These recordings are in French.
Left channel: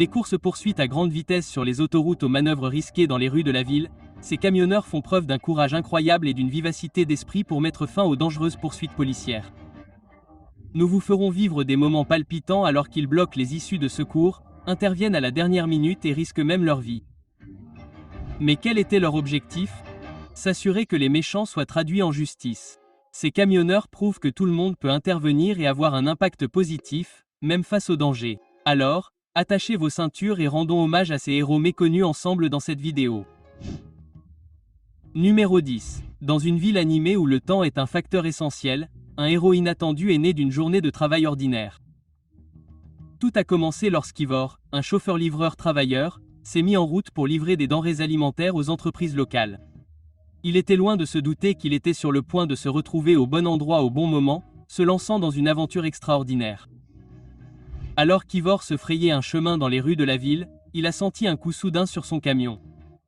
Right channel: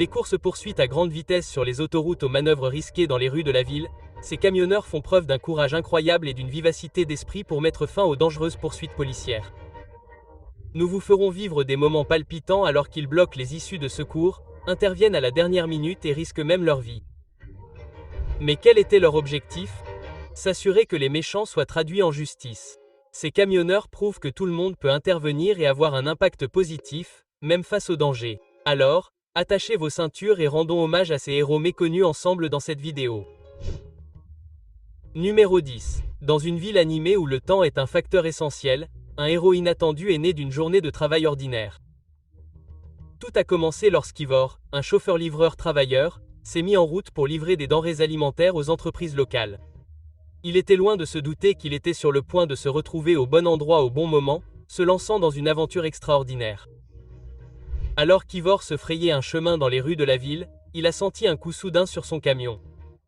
Des courses-poursuites à grande vitesse sur les autoroutes aux manœuvres risquées dans les rues de la ville, ces camionneurs font preuve d'un courage incroyable et d'une vivacité d'esprit pour mettre fin aux dangereuses poursuites policières. Nous vous ferons vivre des moments palpitants alors qu'ils bloquent les issues de secours, interviennent à la dernière minute et risquent même leur vie. Mais quel était leur objectif? S'assurer que les méchants soient traduits en justice. Ces camionneurs prouvent que tout le monde peut intervenir et avoir un impact positif, même face au danger. Alors, attachez vos ceintures et rendons hommage à ces héros méconnus ensemble dans cette vidéo. Numéro 10. Dans une ville animée où le temps est un facteur essentiel, un héros inattendu est né d'une journée de travail ordinaire. Tout a commencé lorsqu'Ivor, un chauffeur-livreur travailleur, s'est mis en route pour livrer des denrées alimentaires aux entreprises locales. Il était loin de se douter qu'il était sur le point de se retrouver au bon endroit au bon moment, se lançant dans une aventure extraordinaire. Alors qu'Ivor se frayait un chemin dans les rues de la ville, il a senti un coup soudain sur son camion.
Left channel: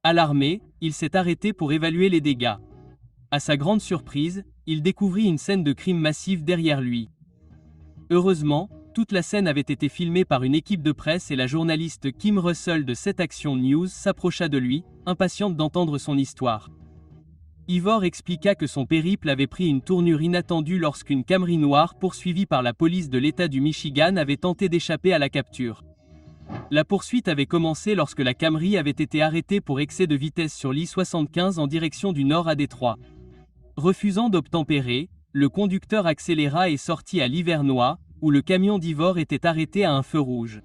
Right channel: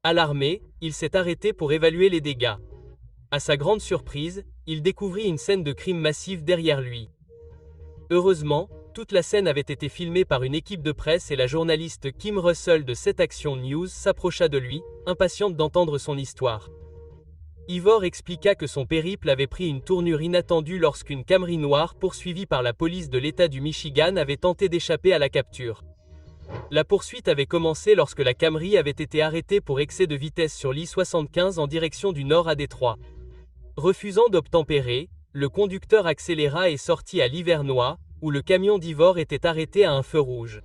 Alarmé, il s'est arrêté pour évaluer les dégâts. À sa grande surprise, il découvrit une scène de crime massif derrière lui. Heureusement, toute la scène avait été filmée par une équipe de presse et la journaliste Kim Russell de 7 Action News s'approcha de lui, impatiente d'entendre son histoire. Ivor expliqua que son périple avait pris une tournure inattendue lorsqu'une Camry noire poursuivie par la police de l'État du Michigan avait tenté d'échapper à la capture. La poursuite avait commencé lorsque la Camry avait été arrêtée pour excès de vitesse sur l'I-75 en direction du nord à Détroit. Refusant d'obtempérer, le conducteur accéléra et sortit à l'Hivernois, où le camion d'Ivor était arrêté à un feu rouge.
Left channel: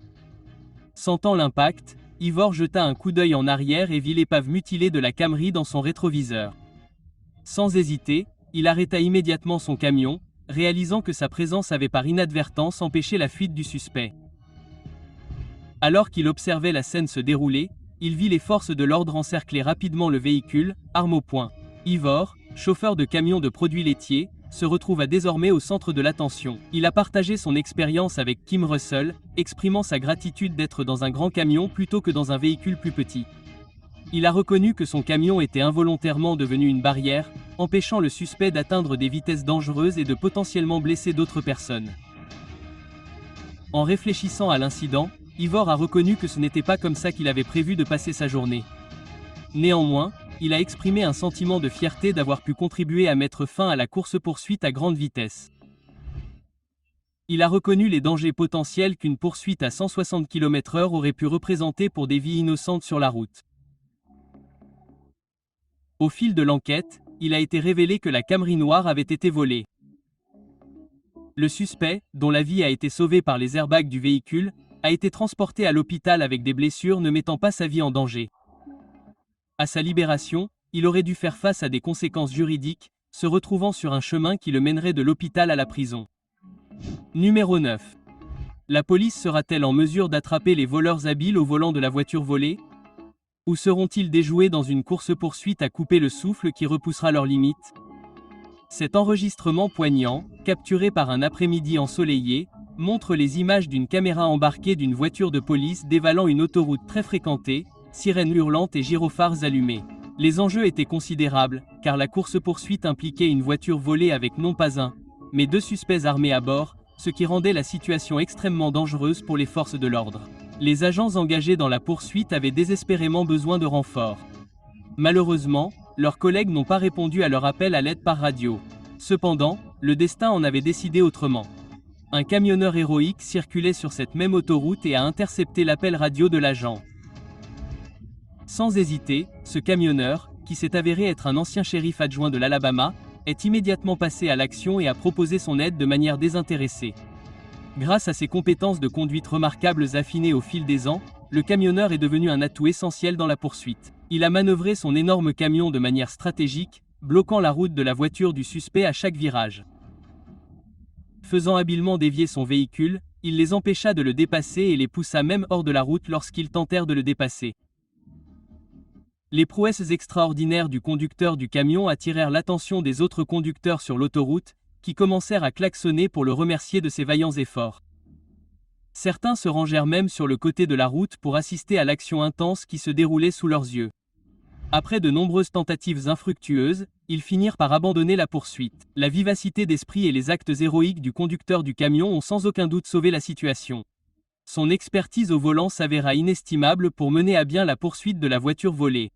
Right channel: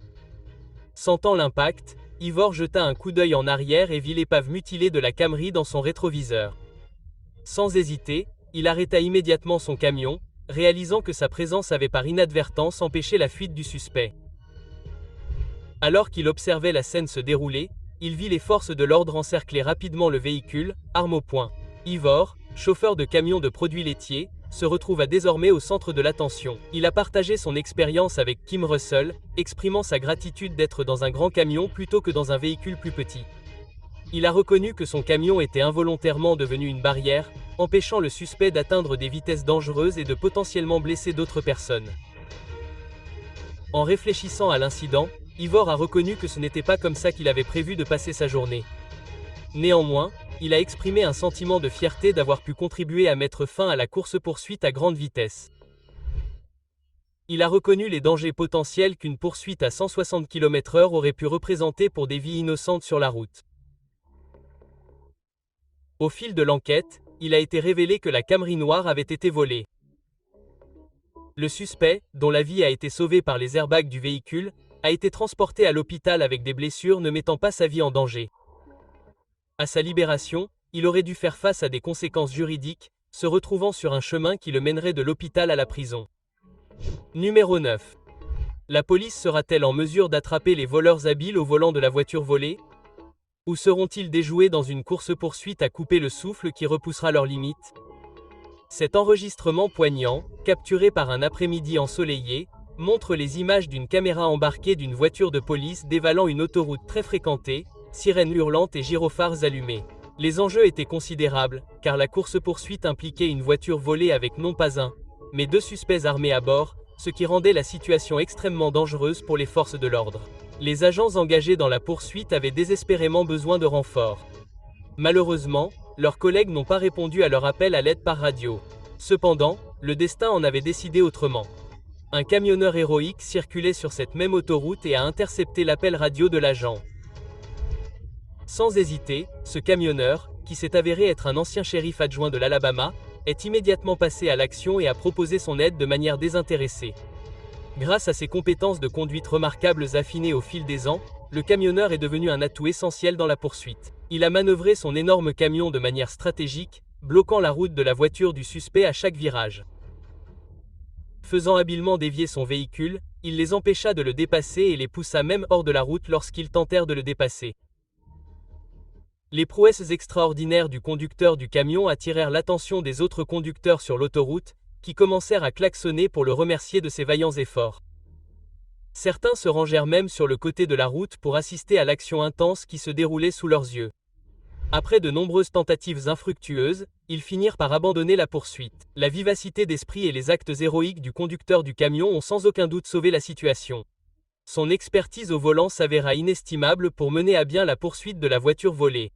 Sentant l'impact, Ivor jeta un coup d'œil en arrière et vit l'épave mutilée de la Camry dans son rétroviseur. Sans hésiter, il arrêta immédiatement son camion, réalisant que sa présence avait par inadvertance empêché la fuite du suspect. Alors qu'il observait la scène se dérouler, il vit les forces de l'ordre encercler rapidement le véhicule, arme au poing. Ivor, chauffeur de camion de produits laitiers, se retrouva désormais au centre de l'attention. Il a partagé son expérience avec Kim Russell, exprimant sa gratitude d'être dans un grand camion plutôt que dans un véhicule plus petit. Il a reconnu que son camion était involontairement devenu une barrière, empêchant le suspect d'atteindre des vitesses dangereuses et de potentiellement blesser d'autres personnes. En réfléchissant à l'incident, Ivor a reconnu que ce n'était pas comme ça qu'il avait prévu de passer sa journée. Néanmoins, il a exprimé un sentiment de fierté d'avoir pu contribuer à mettre fin à la course-poursuite à grande vitesse. Il a reconnu les dangers potentiels qu'une poursuite à 160 km/h aurait pu représenter pour des vies innocentes sur la route. Au fil de l'enquête, il a été révélé que la Camry noire avait été volée. Le suspect, dont la vie a été sauvée par les airbags du véhicule, a été transporté à l'hôpital avec des blessures ne mettant pas sa vie en danger. À sa libération, il aurait dû faire face à des conséquences juridiques, se retrouvant sur un chemin qui le mènerait de l'hôpital à la prison. Numéro 9. La police sera-t-elle en mesure d'attraper les voleurs habiles au volant de la voiture volée? Ou seront-ils déjoués dans une course-poursuite à couper le souffle qui repoussera leurs limites? Cet enregistrement poignant, capturé par un après-midi ensoleillé, montre les images d'une caméra embarquée d'une voiture de police dévalant une autoroute très fréquentée, sirènes hurlantes et gyrophares allumés. Les enjeux étaient considérables, car la course-poursuite impliquait une voiture volée avec non pas un, mais 2 suspects armés à bord, ce qui rendait la situation extrêmement dangereuse pour les forces de l'ordre. Les agents engagés dans la poursuite avaient désespérément besoin de renforts. Malheureusement, leurs collègues n'ont pas répondu à leur appel à l'aide par radio. Cependant, le destin en avait décidé autrement. Un camionneur héroïque circulait sur cette même autoroute et a intercepté l'appel radio de l'agent. Sans hésiter, ce camionneur, qui s'est avéré être un ancien shérif adjoint de l'Alabama, est immédiatement passé à l'action et a proposé son aide de manière désintéressée. Grâce à ses compétences de conduite remarquables affinées au fil des ans, le camionneur est devenu un atout essentiel dans la poursuite. Il a manœuvré son énorme camion de manière stratégique, bloquant la route de la voiture du suspect à chaque virage. Faisant habilement dévier son véhicule, il les empêcha de le dépasser et les poussa même hors de la route lorsqu'ils tentèrent de le dépasser. Les prouesses extraordinaires du conducteur du camion attirèrent l'attention des autres conducteurs sur l'autoroute, qui commencèrent à klaxonner pour le remercier de ses vaillants efforts. Certains se rangèrent même sur le côté de la route pour assister à l'action intense qui se déroulait sous leurs yeux. Après de nombreuses tentatives infructueuses, ils finirent par abandonner la poursuite. La vivacité d'esprit et les actes héroïques du conducteur du camion ont sans aucun doute sauvé la situation. Son expertise au volant s'avéra inestimable pour mener à bien la poursuite de la voiture volée.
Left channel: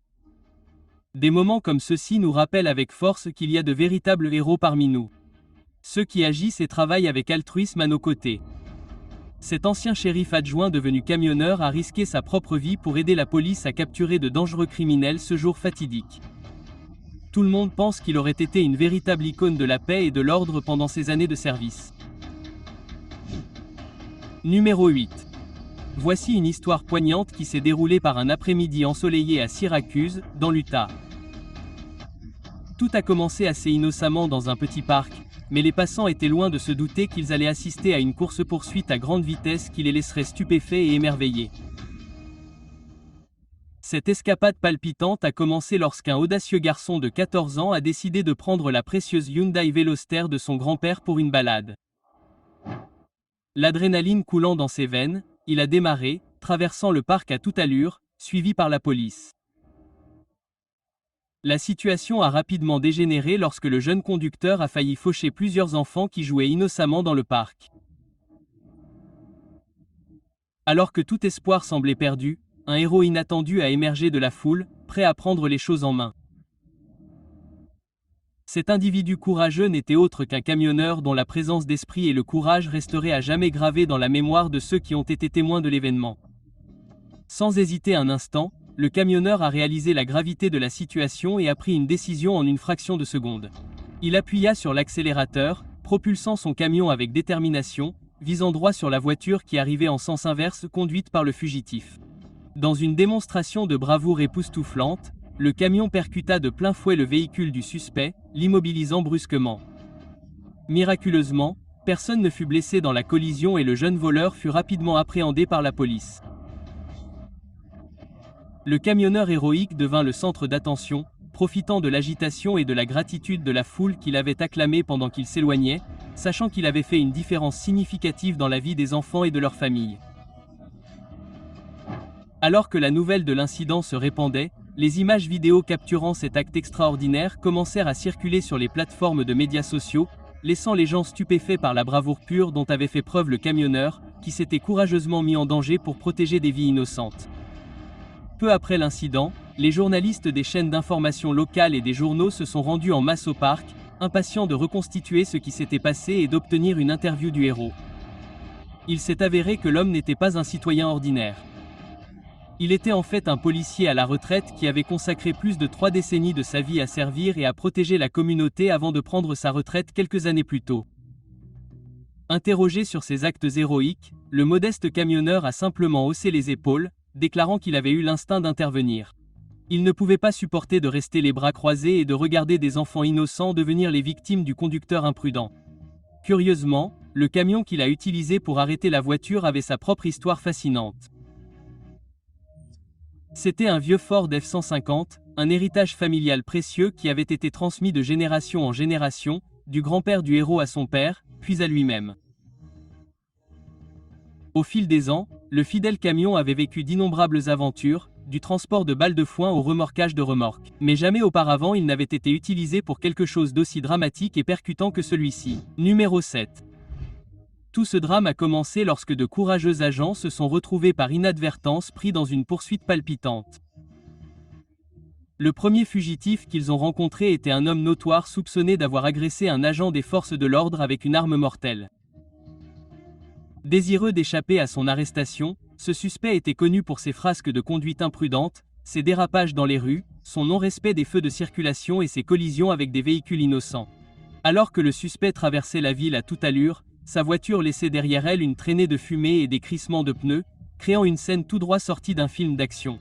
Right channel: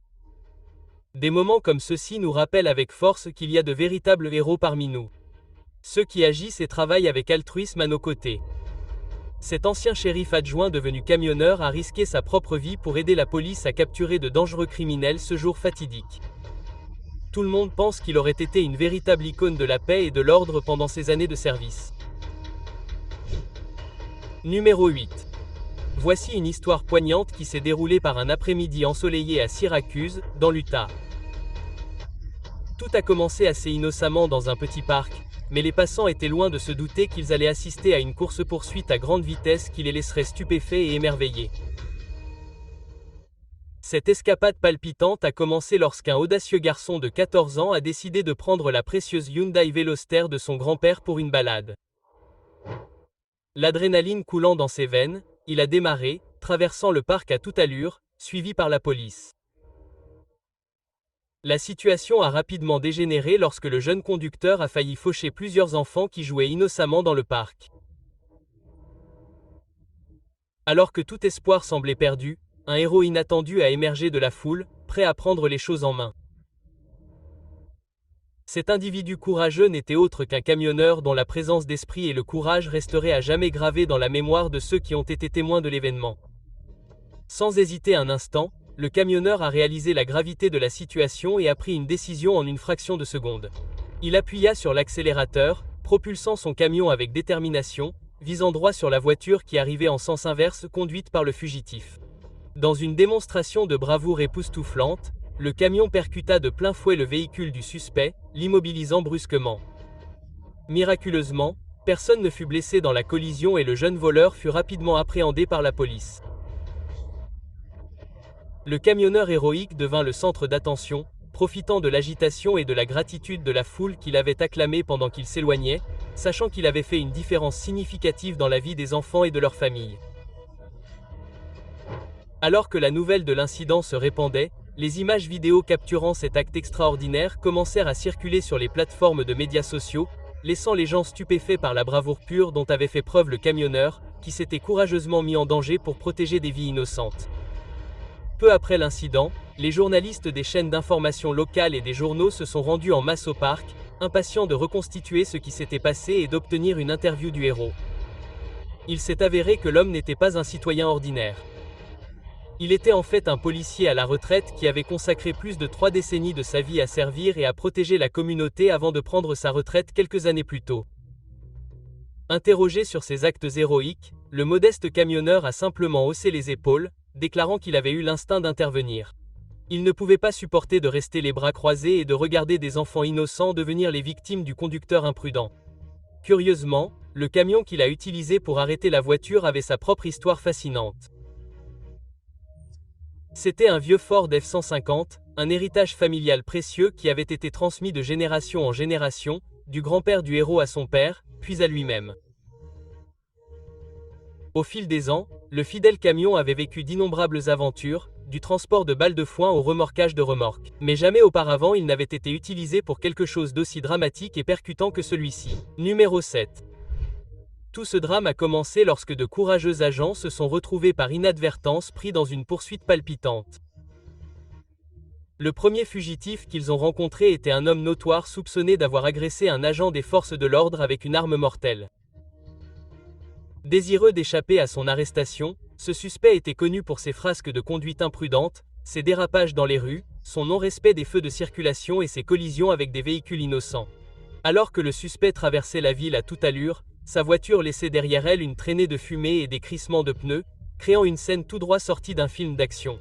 Des moments comme ceux-ci nous rappellent avec force qu'il y a de véritables héros parmi nous. Ceux qui agissent et travaillent avec altruisme à nos côtés. Cet ancien shérif adjoint devenu camionneur a risqué sa propre vie pour aider la police à capturer de dangereux criminels ce jour fatidique. Tout le monde pense qu'il aurait été une véritable icône de la paix et de l'ordre pendant ses années de service. Numéro 8. Voici une histoire poignante qui s'est déroulée par un après-midi ensoleillé à Syracuse, dans l'Utah. Tout a commencé assez innocemment dans un petit parc, mais les passants étaient loin de se douter qu'ils allaient assister à une course-poursuite à grande vitesse qui les laisserait stupéfaits et émerveillés. Cette escapade palpitante a commencé lorsqu'un audacieux garçon de 14 ans a décidé de prendre la précieuse Hyundai Veloster de son grand-père pour une balade. L'adrénaline coulant dans ses veines, il a démarré, traversant le parc à toute allure, suivi par la police. La situation a rapidement dégénéré lorsque le jeune conducteur a failli faucher plusieurs enfants qui jouaient innocemment dans le parc. Alors que tout espoir semblait perdu, un héros inattendu a émergé de la foule, prêt à prendre les choses en main. Cet individu courageux n'était autre qu'un camionneur dont la présence d'esprit et le courage resteraient à jamais gravés dans la mémoire de ceux qui ont été témoins de l'événement. Sans hésiter un instant, le camionneur a réalisé la gravité de la situation et a pris une décision en une fraction de seconde. Il appuya sur l'accélérateur, propulsant son camion avec détermination, visant droit sur la voiture qui arrivait en sens inverse conduite par le fugitif. Dans une démonstration de bravoure époustouflante, le camion percuta de plein fouet le véhicule du suspect, l'immobilisant brusquement. Miraculeusement, personne ne fut blessé dans la collision et le jeune voleur fut rapidement appréhendé par la police. Le camionneur héroïque devint le centre d'attention, profitant de l'agitation et de la gratitude de la foule qui l'avait acclamé pendant qu'il s'éloignait, sachant qu'il avait fait une différence significative dans la vie des enfants et de leurs familles. Alors que la nouvelle de l'incident se répandait, les images vidéo capturant cet acte extraordinaire commencèrent à circuler sur les plateformes de médias sociaux, laissant les gens stupéfaits par la bravoure pure dont avait fait preuve le camionneur, qui s'était courageusement mis en danger pour protéger des vies innocentes. Peu après l'incident, les journalistes des chaînes d'information locales et des journaux se sont rendus en masse au parc, impatients de reconstituer ce qui s'était passé et d'obtenir une interview du héros. Il s'est avéré que l'homme n'était pas un citoyen ordinaire. Il était en fait un policier à la retraite qui avait consacré plus de 3 décennies de sa vie à servir et à protéger la communauté avant de prendre sa retraite quelques années plus tôt. Interrogé sur ses actes héroïques, le modeste camionneur a simplement haussé les épaules, déclarant qu'il avait eu l'instinct d'intervenir. Il ne pouvait pas supporter de rester les bras croisés et de regarder des enfants innocents devenir les victimes du conducteur imprudent. Curieusement, le camion qu'il a utilisé pour arrêter la voiture avait sa propre histoire fascinante. C'était un vieux Ford F-150, un héritage familial précieux qui avait été transmis de génération en génération, du grand-père du héros à son père, puis à lui-même. Au fil des ans, le fidèle camion avait vécu d'innombrables aventures, du transport de balles de foin au remorquage de remorques. Mais jamais auparavant il n'avait été utilisé pour quelque chose d'aussi dramatique et percutant que celui-ci. Numéro 7. Tout ce drame a commencé lorsque de courageux agents se sont retrouvés par inadvertance pris dans une poursuite palpitante. Le premier fugitif qu'ils ont rencontré était un homme notoire soupçonné d'avoir agressé un agent des forces de l'ordre avec une arme mortelle. Désireux d'échapper à son arrestation, ce suspect était connu pour ses frasques de conduite imprudente, ses dérapages dans les rues, son non-respect des feux de circulation et ses collisions avec des véhicules innocents. Alors que le suspect traversait la ville à toute allure, sa voiture laissait derrière elle une traînée de fumée et des crissements de pneus, créant une scène tout droit sortie d'un film d'action.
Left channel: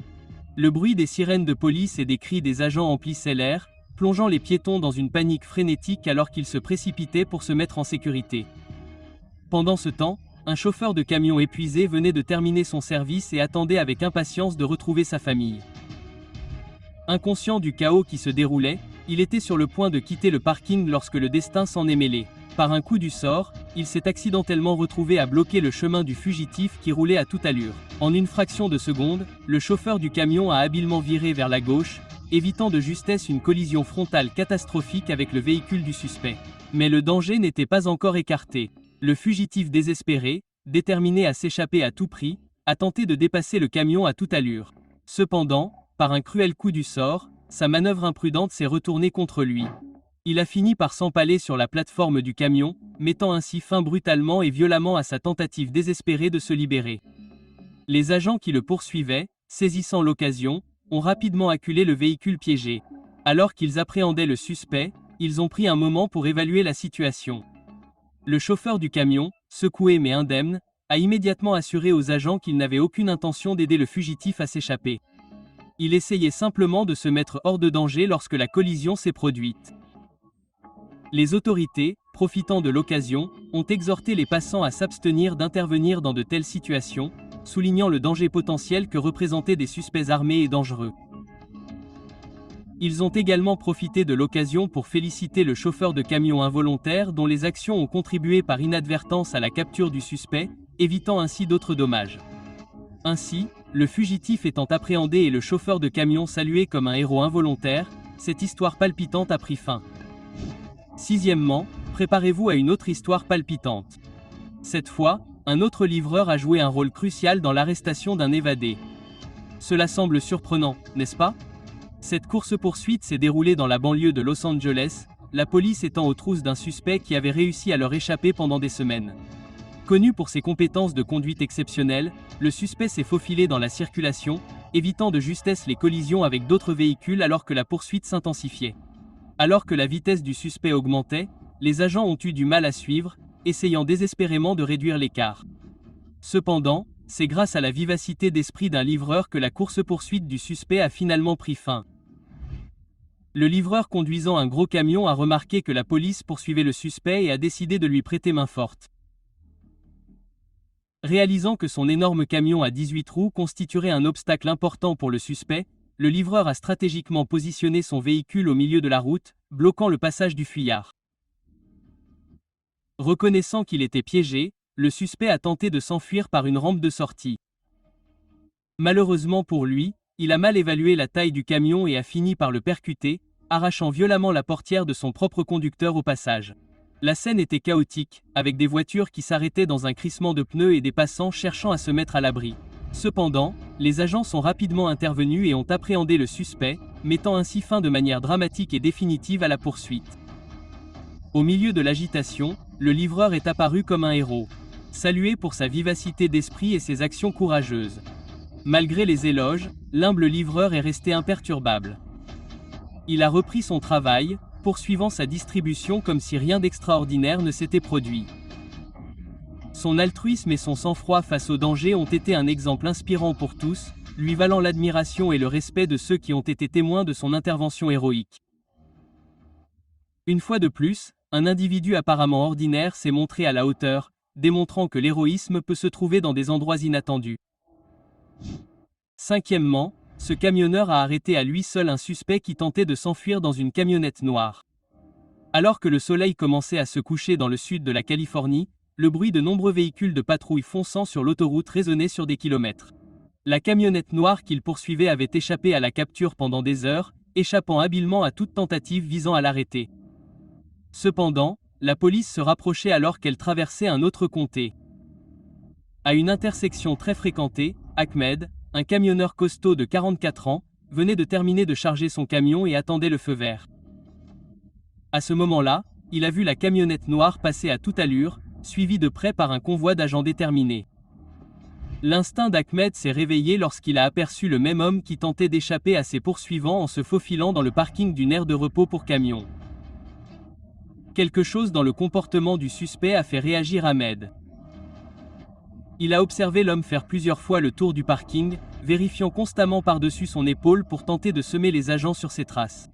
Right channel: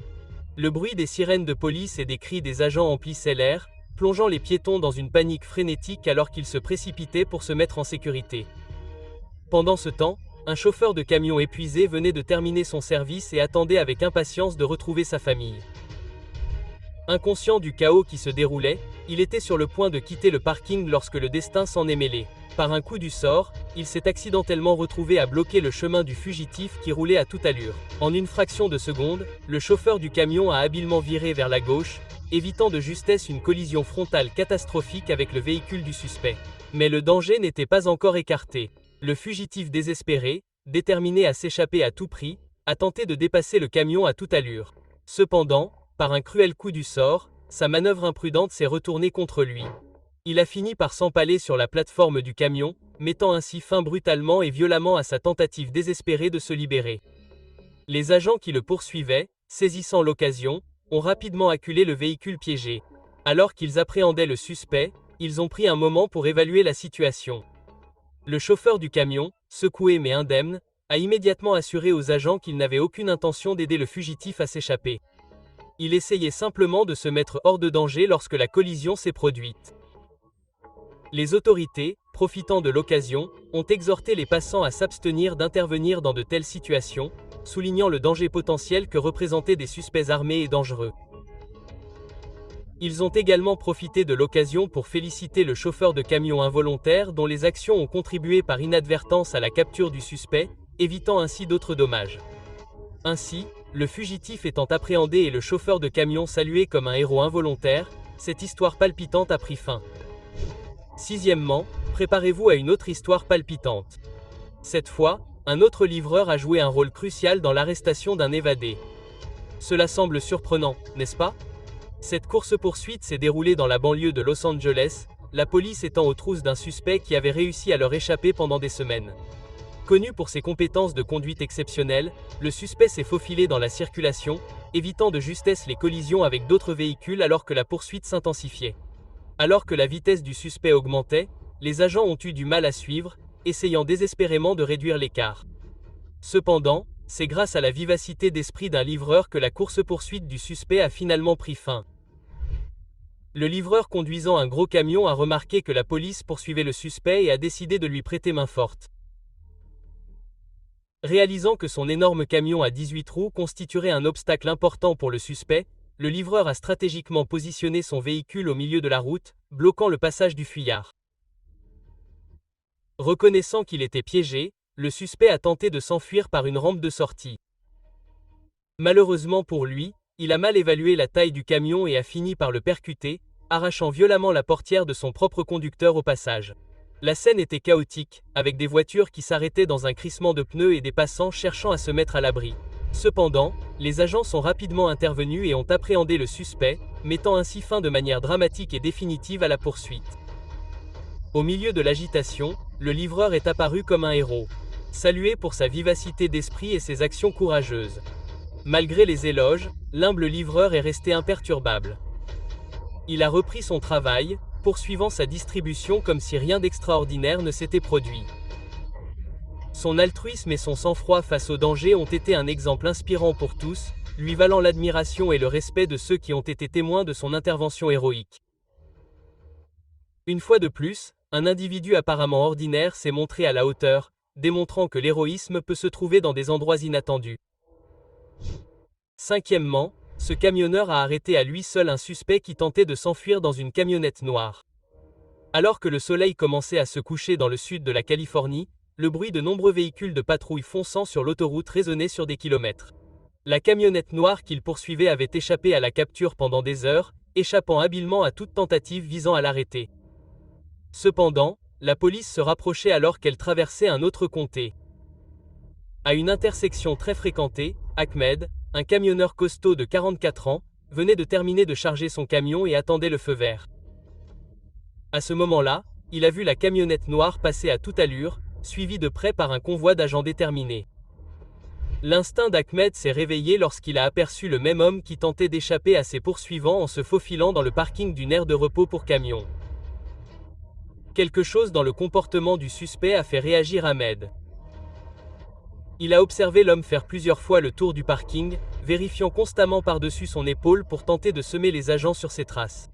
Le bruit des sirènes de police et des cris des agents emplissait l'air, plongeant les piétons dans une panique frénétique alors qu'ils se précipitaient pour se mettre en sécurité. Pendant ce temps, un chauffeur de camion épuisé venait de terminer son service et attendait avec impatience de retrouver sa famille. Inconscient du chaos qui se déroulait, il était sur le point de quitter le parking lorsque le destin s'en est mêlé. Par un coup du sort, il s'est accidentellement retrouvé à bloquer le chemin du fugitif qui roulait à toute allure. En une fraction de seconde, le chauffeur du camion a habilement viré vers la gauche, évitant de justesse une collision frontale catastrophique avec le véhicule du suspect. Mais le danger n'était pas encore écarté. Le fugitif désespéré, déterminé à s'échapper à tout prix, a tenté de dépasser le camion à toute allure. Cependant, par un cruel coup du sort, sa manœuvre imprudente s'est retournée contre lui. Il a fini par s'empaler sur la plateforme du camion, mettant ainsi fin brutalement et violemment à sa tentative désespérée de se libérer. Les agents qui le poursuivaient, saisissant l'occasion, ont rapidement acculé le véhicule piégé. Alors qu'ils appréhendaient le suspect, ils ont pris un moment pour évaluer la situation. Le chauffeur du camion, secoué mais indemne, a immédiatement assuré aux agents qu'il n'avait aucune intention d'aider le fugitif à s'échapper. Il essayait simplement de se mettre hors de danger lorsque la collision s'est produite. Les autorités, profitant de l'occasion, ont exhorté les passants à s'abstenir d'intervenir dans de telles situations, soulignant le danger potentiel que représentaient des suspects armés et dangereux. Ils ont également profité de l'occasion pour féliciter le chauffeur de camion involontaire dont les actions ont contribué par inadvertance à la capture du suspect, évitant ainsi d'autres dommages. Ainsi, le fugitif étant appréhendé et le chauffeur de camion salué comme un héros involontaire, cette histoire palpitante a pris fin. Sixièmement, préparez-vous à une autre histoire palpitante. Cette fois, un autre livreur a joué un rôle crucial dans l'arrestation d'un évadé. Cela semble surprenant, n'est-ce pas? Cette course-poursuite s'est déroulée dans la banlieue de Los Angeles, la police étant aux trousses d'un suspect qui avait réussi à leur échapper pendant des semaines. Connu pour ses compétences de conduite exceptionnelles, le suspect s'est faufilé dans la circulation, évitant de justesse les collisions avec d'autres véhicules alors que la poursuite s'intensifiait. Alors que la vitesse du suspect augmentait, les agents ont eu du mal à suivre, essayant désespérément de réduire l'écart. Cependant, c'est grâce à la vivacité d'esprit d'un livreur que la course-poursuite du suspect a finalement pris fin. Le livreur conduisant un gros camion a remarqué que la police poursuivait le suspect et a décidé de lui prêter main forte. Réalisant que son énorme camion à 18 roues constituerait un obstacle important pour le suspect, le livreur a stratégiquement positionné son véhicule au milieu de la route, bloquant le passage du fuyard. Reconnaissant qu'il était piégé, le suspect a tenté de s'enfuir par une rampe de sortie. Malheureusement pour lui, il a mal évalué la taille du camion et a fini par le percuter, arrachant violemment la portière de son propre conducteur au passage. La scène était chaotique, avec des voitures qui s'arrêtaient dans un crissement de pneus et des passants cherchant à se mettre à l'abri. Cependant, les agents sont rapidement intervenus et ont appréhendé le suspect, mettant ainsi fin de manière dramatique et définitive à la poursuite. Au milieu de l'agitation, le livreur est apparu comme un héros, salué pour sa vivacité d'esprit et ses actions courageuses. Malgré les éloges, l'humble livreur est resté imperturbable. Il a repris son travail, poursuivant sa distribution comme si rien d'extraordinaire ne s'était produit. Son altruisme et son sang-froid face au danger ont été un exemple inspirant pour tous, lui valant l'admiration et le respect de ceux qui ont été témoins de son intervention héroïque. Une fois de plus, un individu apparemment ordinaire s'est montré à la hauteur, démontrant que l'héroïsme peut se trouver dans des endroits inattendus. Cinquièmement, ce camionneur a arrêté à lui seul un suspect qui tentait de s'enfuir dans une camionnette noire. Alors que le soleil commençait à se coucher dans le sud de la Californie, le bruit de nombreux véhicules de patrouille fonçant sur l'autoroute résonnait sur des kilomètres. La camionnette noire qu'il poursuivait avait échappé à la capture pendant des heures, échappant habilement à toute tentative visant à l'arrêter. Cependant, la police se rapprochait alors qu'elle traversait un autre comté. À une intersection très fréquentée, Ahmed, un camionneur costaud de 44 ans, venait de terminer de charger son camion et attendait le feu vert. À ce moment-là, il a vu la camionnette noire passer à toute allure, suivie de près par un convoi d'agents déterminés. L'instinct d'Ahmed s'est réveillé lorsqu'il a aperçu le même homme qui tentait d'échapper à ses poursuivants en se faufilant dans le parking d'une aire de repos pour camions. Quelque chose dans le comportement du suspect a fait réagir Ahmed. Il a observé l'homme faire plusieurs fois le tour du parking, vérifiant constamment par-dessus son épaule pour tenter de semer les agents sur ses traces.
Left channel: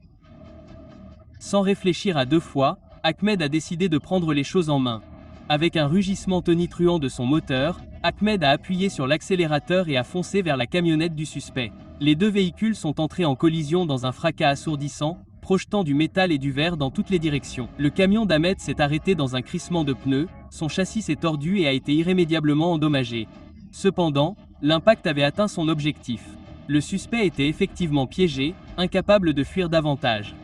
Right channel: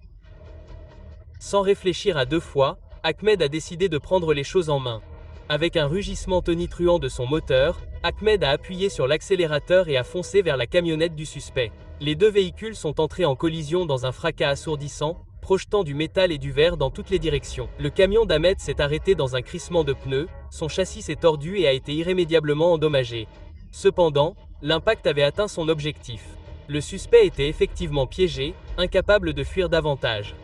Sans réfléchir à deux fois, Ahmed a décidé de prendre les choses en main. Avec un rugissement tonitruant de son moteur, Ahmed a appuyé sur l'accélérateur et a foncé vers la camionnette du suspect. Les deux véhicules sont entrés en collision dans un fracas assourdissant, projetant du métal et du verre dans toutes les directions. Le camion d'Ahmed s'est arrêté dans un crissement de pneus, son châssis s'est tordu et a été irrémédiablement endommagé. Cependant, l'impact avait atteint son objectif. Le suspect était effectivement piégé, incapable de fuir davantage.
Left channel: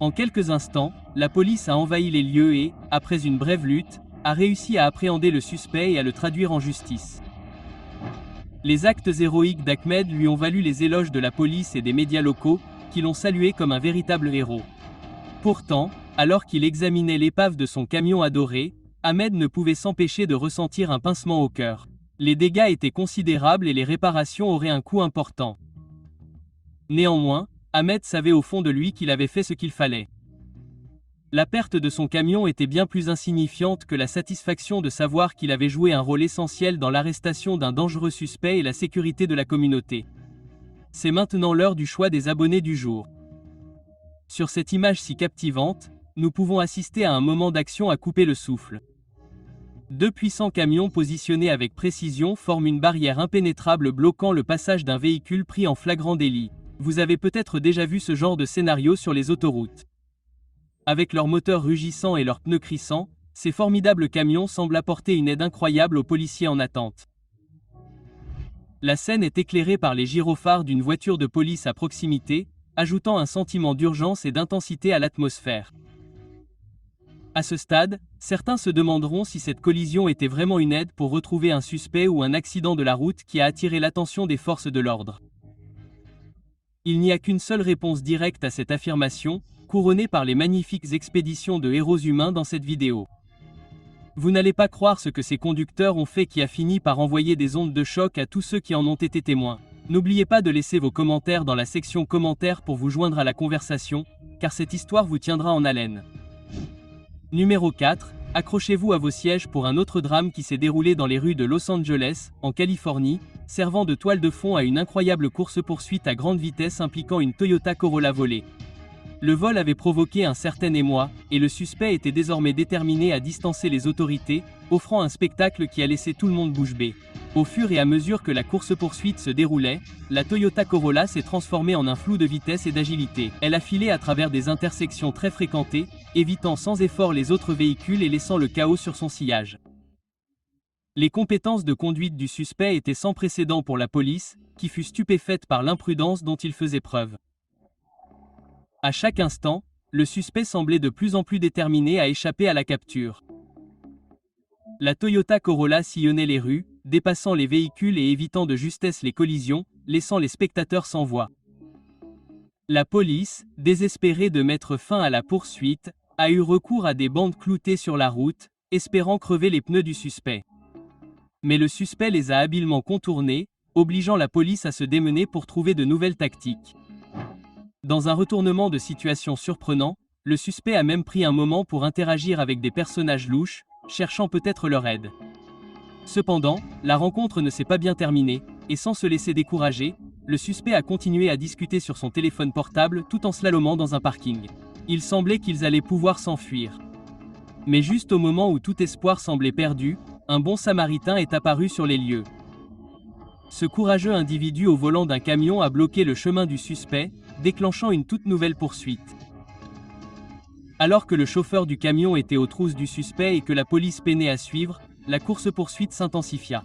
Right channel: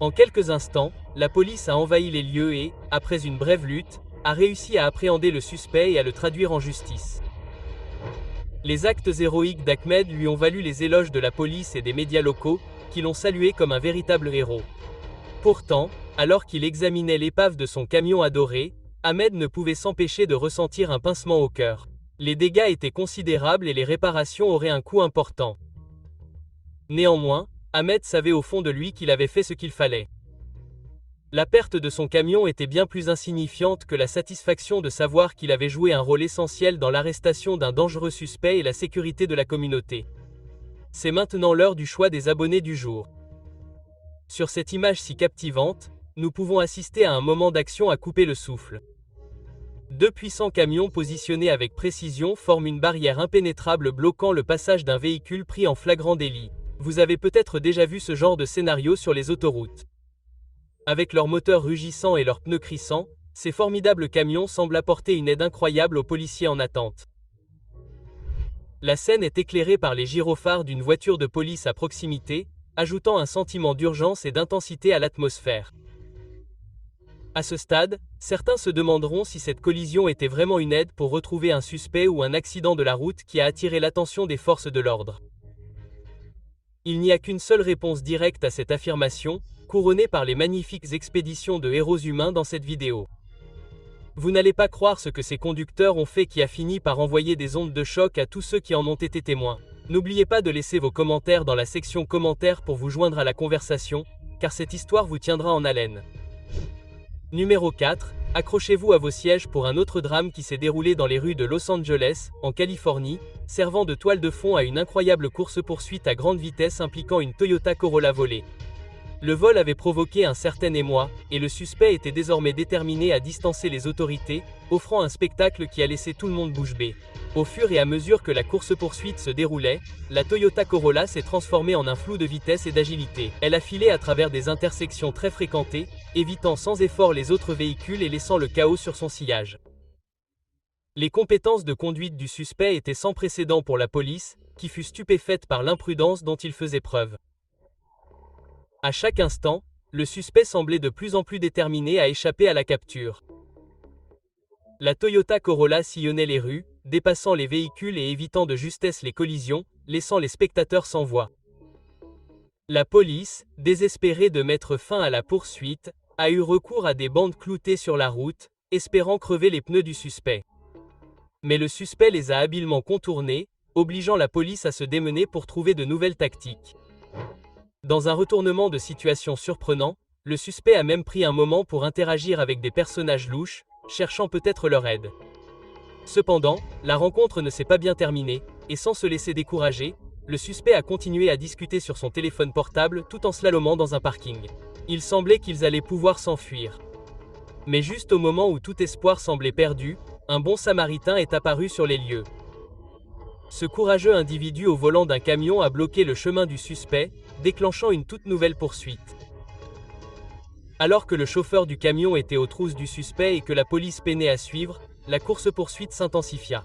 En quelques instants, la police a envahi les lieux et, après une brève lutte, a réussi à appréhender le suspect et à le traduire en justice. Les actes héroïques d'Ahmed lui ont valu les éloges de la police et des médias locaux, qui l'ont salué comme un véritable héros. Pourtant, alors qu'il examinait l'épave de son camion adoré, Ahmed ne pouvait s'empêcher de ressentir un pincement au cœur. Les dégâts étaient considérables et les réparations auraient un coût important. Néanmoins, Ahmed savait au fond de lui qu'il avait fait ce qu'il fallait. La perte de son camion était bien plus insignifiante que la satisfaction de savoir qu'il avait joué un rôle essentiel dans l'arrestation d'un dangereux suspect et la sécurité de la communauté. C'est maintenant l'heure du choix des abonnés du jour. Sur cette image si captivante, nous pouvons assister à un moment d'action à couper le souffle. Deux puissants camions positionnés avec précision forment une barrière impénétrable bloquant le passage d'un véhicule pris en flagrant délit. Vous avez peut-être déjà vu ce genre de scénario sur les autoroutes. Avec leurs moteurs rugissants et leurs pneus crissants, ces formidables camions semblent apporter une aide incroyable aux policiers en attente. La scène est éclairée par les gyrophares d'une voiture de police à proximité, ajoutant un sentiment d'urgence et d'intensité à l'atmosphère. À ce stade, certains se demanderont si cette collision était vraiment une aide pour retrouver un suspect ou un accident de la route qui a attiré l'attention des forces de l'ordre. Il n'y a qu'une seule réponse directe à cette affirmation, couronnée par les magnifiques expéditions de héros humains dans cette vidéo. Vous n'allez pas croire ce que ces conducteurs ont fait qui a fini par envoyer des ondes de choc à tous ceux qui en ont été témoins. N'oubliez pas de laisser vos commentaires dans la section commentaires pour vous joindre à la conversation, car cette histoire vous tiendra en haleine. Numéro 4, accrochez-vous à vos sièges pour un autre drame qui s'est déroulé dans les rues de Los Angeles, en Californie, servant de toile de fond à une incroyable course-poursuite à grande vitesse impliquant une Toyota Corolla volée. Le vol avait provoqué un certain émoi, et le suspect était désormais déterminé à distancer les autorités, offrant un spectacle qui a laissé tout le monde bouche bée. Au fur et à mesure que la course-poursuite se déroulait, la Toyota Corolla s'est transformée en un flou de vitesse et d'agilité. Elle a filé à travers des intersections très fréquentées, évitant sans effort les autres véhicules et laissant le chaos sur son sillage. Les compétences de conduite du suspect étaient sans précédent pour la police, qui fut stupéfaite par l'imprudence dont il faisait preuve. À chaque instant, le suspect semblait de plus en plus déterminé à échapper à la capture. La Toyota Corolla sillonnait les rues, dépassant les véhicules et évitant de justesse les collisions, laissant les spectateurs sans voix. La police, désespérée de mettre fin à la poursuite, a eu recours à des bandes cloutées sur la route, espérant crever les pneus du suspect. Mais le suspect les a habilement contournés, obligeant la police à se démener pour trouver de nouvelles tactiques. Dans un retournement de situation surprenant, le suspect a même pris un moment pour interagir avec des personnages louches, cherchant peut-être leur aide. Cependant, la rencontre ne s'est pas bien terminée, et sans se laisser décourager, le suspect a continué à discuter sur son téléphone portable tout en slalomant dans un parking. Il semblait qu'ils allaient pouvoir s'enfuir. Mais juste au moment où tout espoir semblait perdu, un bon samaritain est apparu sur les lieux. Ce courageux individu au volant d'un camion a bloqué le chemin du suspect, déclenchant une toute nouvelle poursuite. Alors que le chauffeur du camion était aux trousses du suspect et que la police peinait à suivre, la course-poursuite s'intensifia.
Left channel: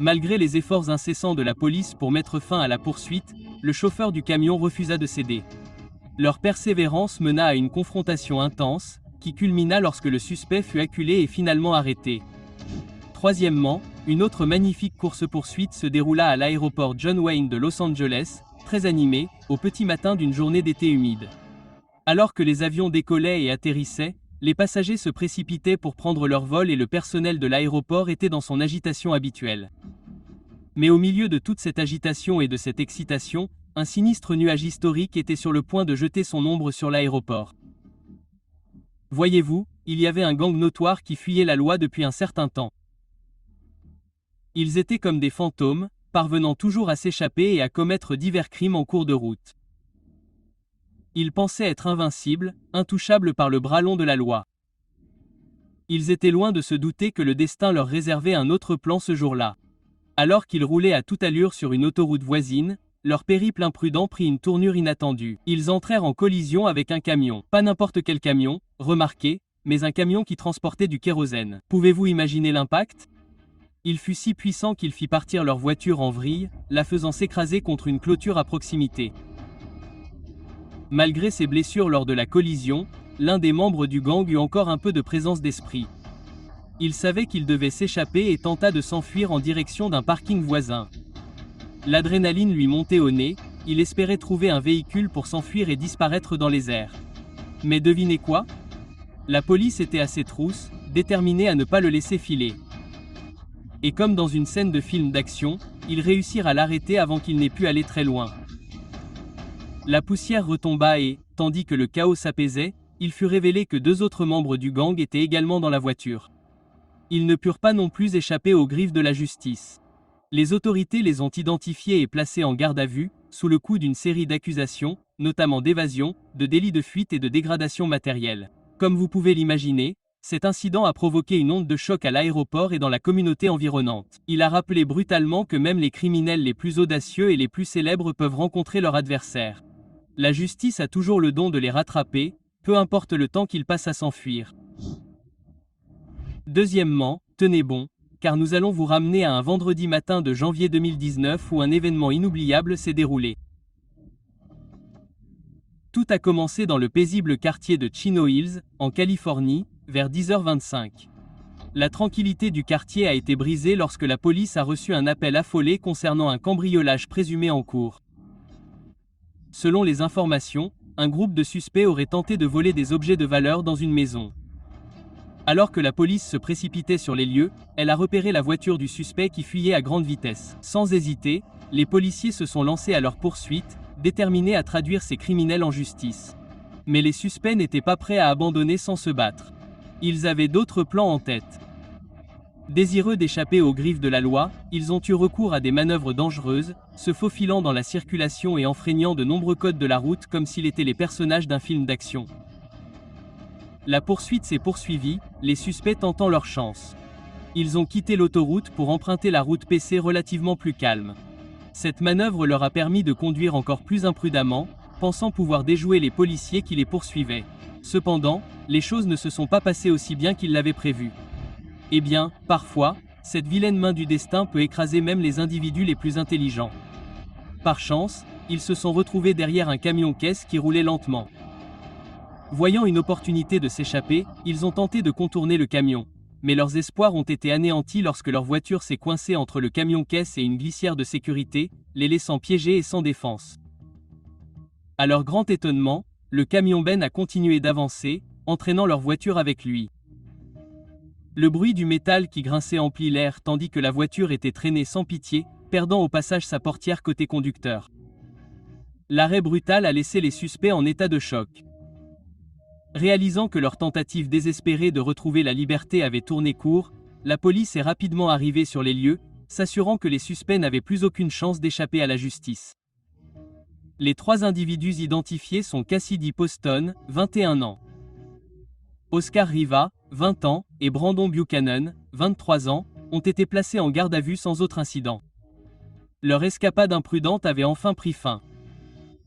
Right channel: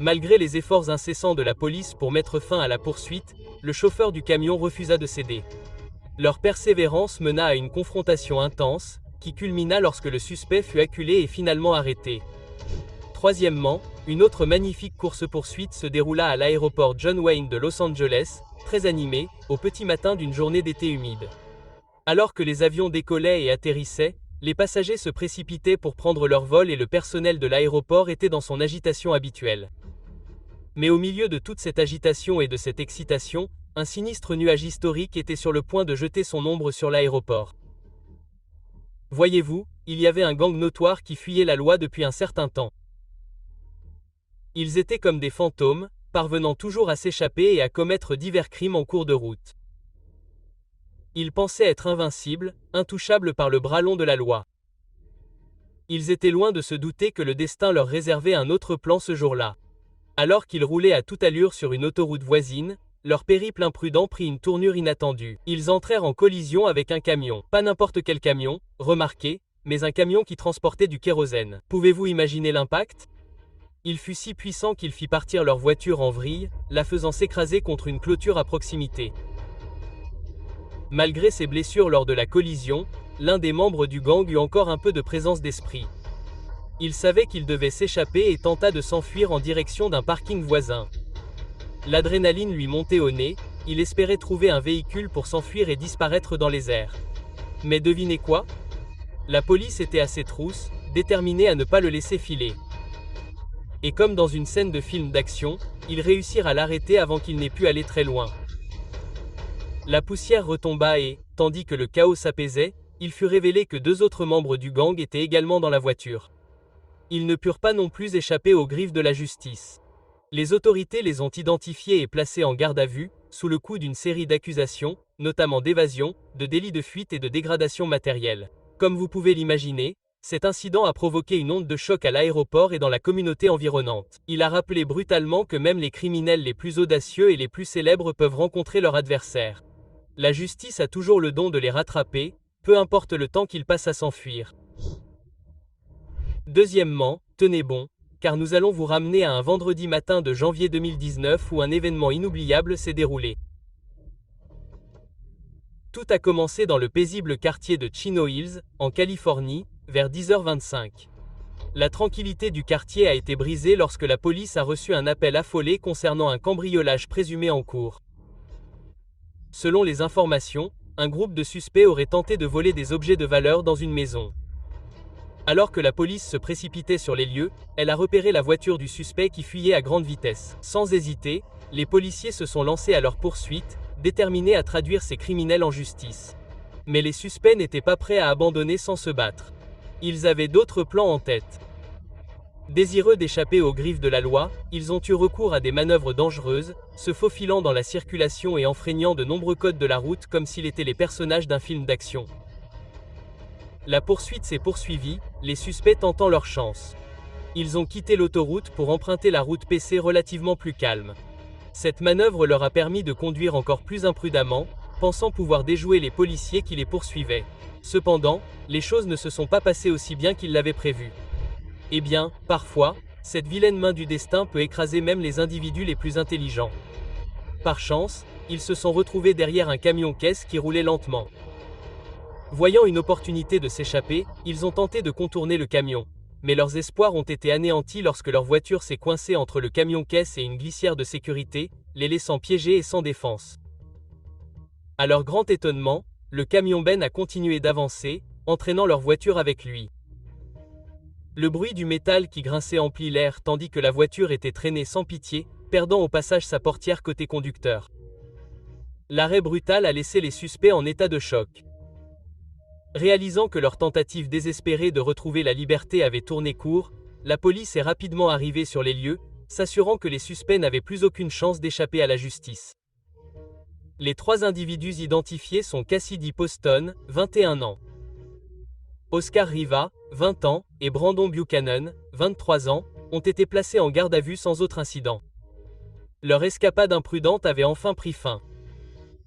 Malgré les efforts incessants de la police pour mettre fin à la poursuite, le chauffeur du camion refusa de céder. Leur persévérance mena à une confrontation intense, qui culmina lorsque le suspect fut acculé et finalement arrêté. Troisièmement, une autre magnifique course-poursuite se déroula à l'aéroport John Wayne de Los Angeles, très animé, au petit matin d'une journée d'été humide. Alors que les avions décollaient et atterrissaient, les passagers se précipitaient pour prendre leur vol et le personnel de l'aéroport était dans son agitation habituelle. Mais au milieu de toute cette agitation et de cette excitation, un sinistre nuage historique était sur le point de jeter son ombre sur l'aéroport. Voyez-vous, il y avait un gang notoire qui fuyait la loi depuis un certain temps. Ils étaient comme des fantômes, parvenant toujours à s'échapper et à commettre divers crimes en cours de route. Ils pensaient être invincibles, intouchables par le bras long de la loi. Ils étaient loin de se douter que le destin leur réservait un autre plan ce jour-là. Alors qu'ils roulaient à toute allure sur une autoroute voisine, leur périple imprudent prit une tournure inattendue. Ils entrèrent en collision avec un camion. Pas n'importe quel camion, remarquez, mais un camion qui transportait du kérosène. Pouvez-vous imaginer l'impact ? Il fut si puissant qu'il fit partir leur voiture en vrille, la faisant s'écraser contre une clôture à proximité. Malgré ses blessures lors de la collision, l'un des membres du gang eut encore un peu de présence d'esprit. Il savait qu'il devait s'échapper et tenta de s'enfuir en direction d'un parking voisin. L'adrénaline lui montait au nez, il espérait trouver un véhicule pour s'enfuir et disparaître dans les airs. Mais devinez quoi? La police était à ses trousses, déterminée à ne pas le laisser filer. Et comme dans une scène de film d'action, ils réussirent à l'arrêter avant qu'il n'ait pu aller très loin. La poussière retomba et, tandis que le chaos s'apaisait, il fut révélé que 2 autres membres du gang étaient également dans la voiture. Ils ne purent pas non plus échapper aux griffes de la justice. Les autorités les ont identifiés et placés en garde à vue, sous le coup d'une série d'accusations, notamment d'évasion, de délit de fuite et de dégradation matérielle. Comme vous pouvez l'imaginer, cet incident a provoqué une onde de choc à l'aéroport et dans la communauté environnante. Il a rappelé brutalement que même les criminels les plus audacieux et les plus célèbres peuvent rencontrer leur adversaire. La justice a toujours le don de les rattraper, peu importe le temps qu'ils passent à s'enfuir. Deuxièmement, tenez bon, car nous allons vous ramener à un vendredi matin de janvier 2019 où un événement inoubliable s'est déroulé. Tout a commencé dans le paisible quartier de Chino Hills, en Californie, vers 10h25. La tranquillité du quartier a été brisée lorsque la police a reçu un appel affolé concernant un cambriolage présumé en cours. Selon les informations, un groupe de suspects aurait tenté de voler des objets de valeur dans une maison. Alors que la police se précipitait sur les lieux, elle a repéré la voiture du suspect qui fuyait à grande vitesse. Sans hésiter, les policiers se sont lancés à leur poursuite, déterminés à traduire ces criminels en justice. Mais les suspects n'étaient pas prêts à abandonner sans se battre. Ils avaient d'autres plans en tête. Désireux d'échapper aux griffes de la loi, ils ont eu recours à des manœuvres dangereuses, se faufilant dans la circulation et enfreignant de nombreux codes de la route comme s'ils étaient les personnages d'un film d'action. La poursuite s'est poursuivie, les suspects tentant leur chance. Ils ont quitté l'autoroute pour emprunter la route PC relativement plus calme. Cette manœuvre leur a permis de conduire encore plus imprudemment, pensant pouvoir déjouer les policiers qui les poursuivaient. Cependant, les choses ne se sont pas passées aussi bien qu'ils l'avaient prévu. Eh bien, parfois, cette vilaine main du destin peut écraser même les individus les plus intelligents. Par chance, ils se sont retrouvés derrière un camion-caisse qui roulait lentement. Voyant une opportunité de s'échapper, ils ont tenté de contourner le camion. Mais leurs espoirs ont été anéantis lorsque leur voiture s'est coincée entre le camion-caisse et une glissière de sécurité, les laissant piégés et sans défense. À leur grand étonnement, le camion-ben a continué d'avancer, entraînant leur voiture avec lui. Le bruit du métal qui grinçait emplit l'air tandis que la voiture était traînée sans pitié, perdant au passage sa portière côté conducteur. L'arrêt brutal a laissé les suspects en état de choc. Réalisant que leur tentative désespérée de retrouver la liberté avait tourné court, la police est rapidement arrivée sur les lieux, s'assurant que les suspects n'avaient plus aucune chance d'échapper à la justice. Les 3 individus identifiés sont Cassidy Poston, 21 ans. Oscar Riva, 20 ans, et Brandon Buchanan, 23 ans, ont été placés en garde à vue sans autre incident. Leur escapade imprudente avait enfin pris fin.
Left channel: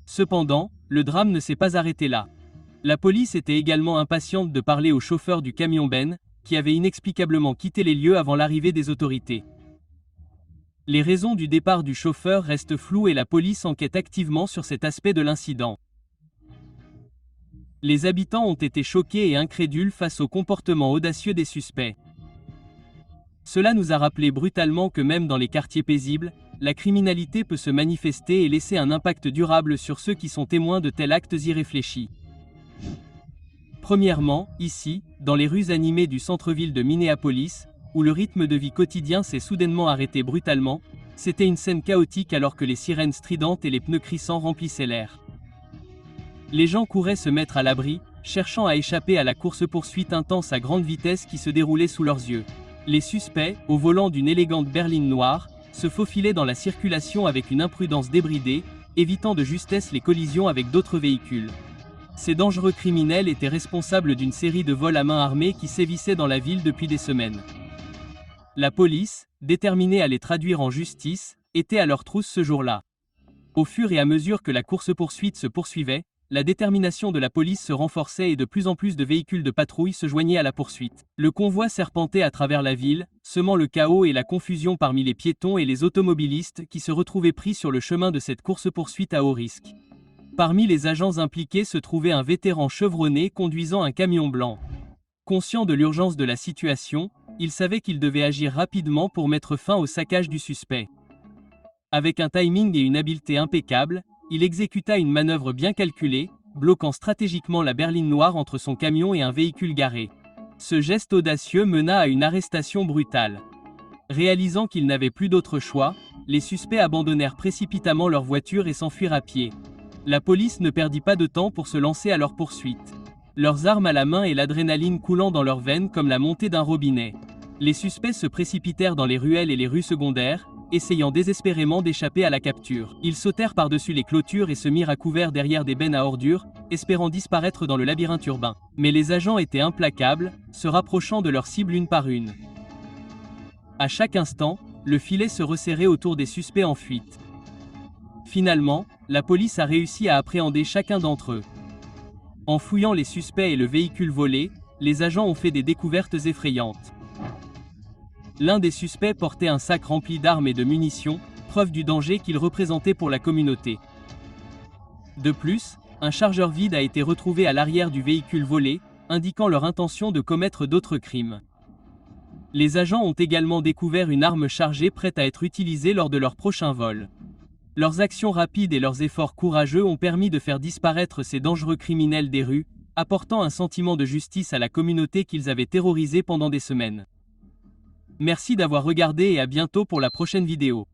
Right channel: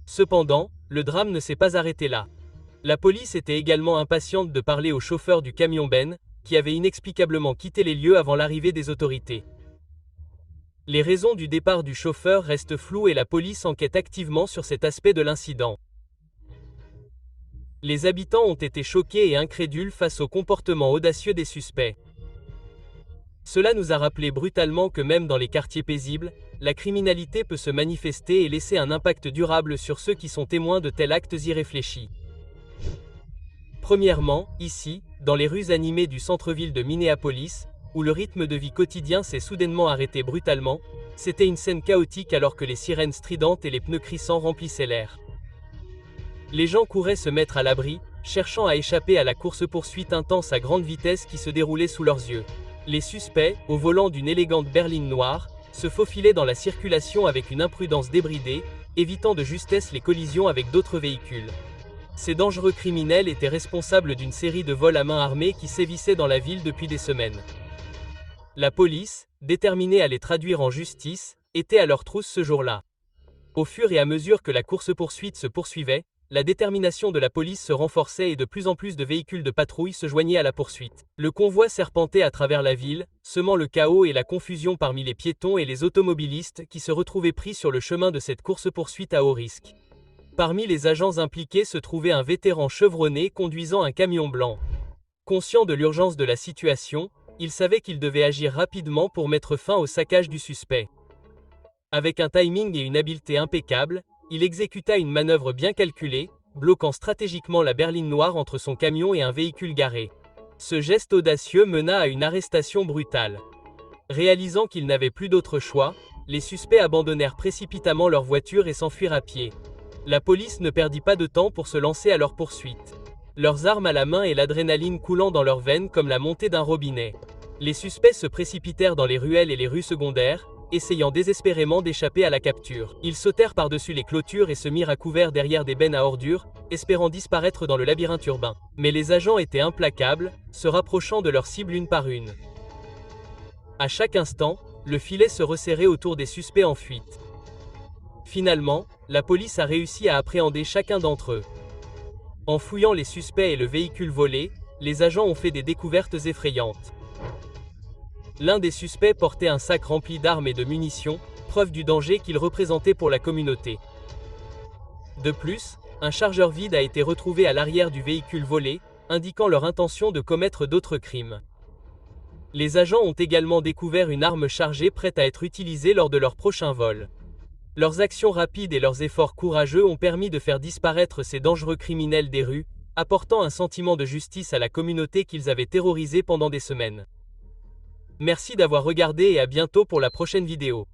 Cependant, le drame ne s'est pas arrêté là. La police était également impatiente de parler au chauffeur du camion Ben, qui avait inexplicablement quitté les lieux avant l'arrivée des autorités. Les raisons du départ du chauffeur restent floues et la police enquête activement sur cet aspect de l'incident. Les habitants ont été choqués et incrédules face au comportement audacieux des suspects. Cela nous a rappelé brutalement que même dans les quartiers paisibles, la criminalité peut se manifester et laisser un impact durable sur ceux qui sont témoins de tels actes irréfléchis. Premièrement, ici, dans les rues animées du centre-ville de Minneapolis, où le rythme de vie quotidien s'est soudainement arrêté brutalement, c'était une scène chaotique alors que les sirènes stridentes et les pneus crissants remplissaient l'air. Les gens couraient se mettre à l'abri, cherchant à échapper à la course-poursuite intense à grande vitesse qui se déroulait sous leurs yeux. Les suspects, au volant d'une élégante berline noire, se faufilaient dans la circulation avec une imprudence débridée, évitant de justesse les collisions avec d'autres véhicules. Ces dangereux criminels étaient responsables d'une série de vols à main armée qui sévissaient dans la ville depuis des semaines. La police, déterminée à les traduire en justice, était à leur trousse ce jour-là. Au fur et à mesure que la course-poursuite se poursuivait, la détermination de la police se renforçait et de plus en plus de véhicules de patrouille se joignaient à la poursuite. Le convoi serpentait à travers la ville, semant le chaos et la confusion parmi les piétons et les automobilistes qui se retrouvaient pris sur le chemin de cette course-poursuite à haut risque. Parmi les agents impliqués se trouvait un vétéran chevronné conduisant un camion blanc. Conscient de l'urgence de la situation, Il savait qu'il devait agir rapidement pour mettre fin au saccage du suspect. Avec un timing et une habileté impeccables, il exécuta une manœuvre bien calculée, bloquant stratégiquement la berline noire entre son camion et un véhicule garé. Ce geste audacieux mena à une arrestation brutale. Réalisant qu'ils n'avaient plus d'autre choix, les suspects abandonnèrent précipitamment leur voiture et s'enfuirent à pied. La police ne perdit pas de temps pour se lancer à leur poursuite. Leurs armes à la main et l'adrénaline coulant dans leurs veines comme la montée d'un robinet. Les suspects se précipitèrent dans les ruelles et les rues secondaires, essayant désespérément d'échapper à la capture. Ils sautèrent par-dessus les clôtures et se mirent à couvert derrière des bennes à ordures, espérant disparaître dans le labyrinthe urbain. Mais les agents étaient implacables, se rapprochant de leur cible une par une. À chaque instant, le filet se resserrait autour des suspects en fuite. Finalement, la police a réussi à appréhender chacun d'entre eux. En fouillant les suspects et le véhicule volé, les agents ont fait des découvertes effrayantes. L'un des suspects portait un sac rempli d'armes et de munitions, preuve du danger qu'il représentait pour la communauté. De plus, un chargeur vide a été retrouvé à l'arrière du véhicule volé, indiquant leur intention de commettre d'autres crimes. Les agents ont également découvert une arme chargée prête à être utilisée lors de leur prochain vol. Leurs actions rapides et leurs efforts courageux ont permis de faire disparaître ces dangereux criminels des rues, apportant un sentiment de justice à la communauté qu'ils avaient terrorisée pendant des semaines. Merci d'avoir regardé et à bientôt pour la prochaine vidéo.